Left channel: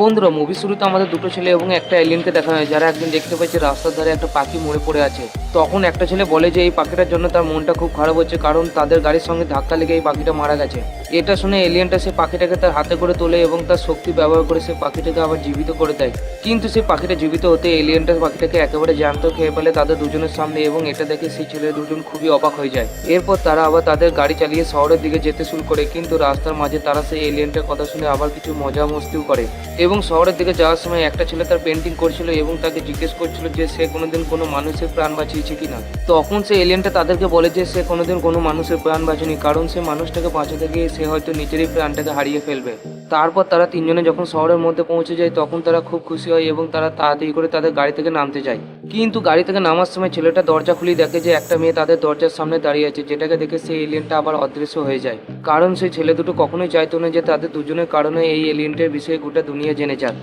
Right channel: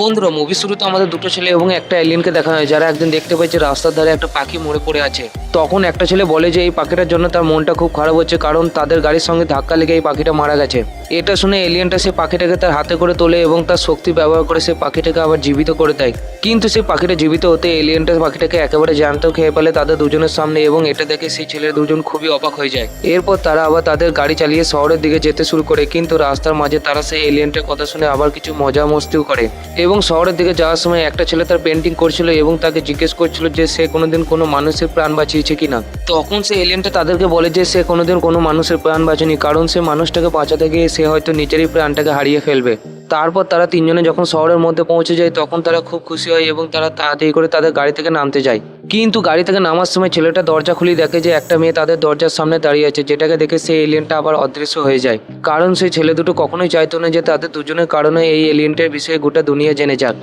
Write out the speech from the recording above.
বন্ধুরা, মুভি শুরুতে আমাদের দুটো ছেলে এবং একটা এলিয়েনকে দেখানো হয়, যারা একদিন দেখতে পাচ্ছে রাস্তার ধারে একটা পাখি মরে পড়ে আছে। তখন একটা ছেলে বলে যে এই পাখিটার জন্য তার মনটা খুব খারাপ হচ্ছে, কারণ তাদের গাড়ির সঙ্গে ধাক্কা লেগে এই পাখিটা মারা গেছে। এটা শুনে এলিয়েনটা সে পাখিটাকে তার হাতে করে তোলে এবং তার শক্তি ব্যবহার করে সে পাখিটাকে আবার জীবিত করে দেয়। কিন্তু সেই পাখিটা জীবিত হতে এলিয়েনটা পাখিটাকে একেবারে জ্যান্ত খেয়ে ফেলে তাদের দুজনের সামনে, এবং এটা দেখে সেই ছেলে দুজন খুবই অবাক হয়ে যায়। এরপর তারা আবার তাদের গাড়ি চালিয়ে শহরের দিকে যেতে শুরু করে, কিন্তু রাস্তার মাঝে তারা সেই এলিয়েনটার কথা শুনে আবার কিছু মজা মস্তিও করে। এবং শহরের দিকে যাওয়ার সময় একটা ছেলে তার পেন্টিং করছিল এবং তাকে জিজ্ঞেস করছিল যে সে কোনোদিন কোনো মানুষের প্রাণ বাঁচিয়েছে কিনা। তখন সে এলিয়েনটা তাদেরকে বলে যে সে কোনোদিন কোনো মানুষের প্রাণ বাঁচেনি, কারণ সে মানুষটাকে বাঁচাতে গিয়ে সে হয়তো নিজেরই প্রাণটাকে হারিয়ে ফেলবে। তারপর তারা তিনজনে যখন শহরের মধ্যে পৌঁছে যায় তখন তারা খুব খুশি হয় এবং তারা তাড়াতাড়ি করে তাদের গাড়ি থেকে নামতে যায়। কিন্তু গাড়ি থেকে নামার সময় ছেলেটা দরজা খুলে দেখে যে একটা মেয়ে তাদের দরজার সামনে দাঁড়িয়ে আছে, যেটাকে দেখে সেই এলিয়েনটা আবার অদৃশ্য হয়ে যায়। কারণ সেই ছেলে দুটো কখনোই চাইতো না যে তাদের দুজনের কারণে এই এলিয়েনটার বিষয়ে গোটা দুনিয়া জেনে যাক।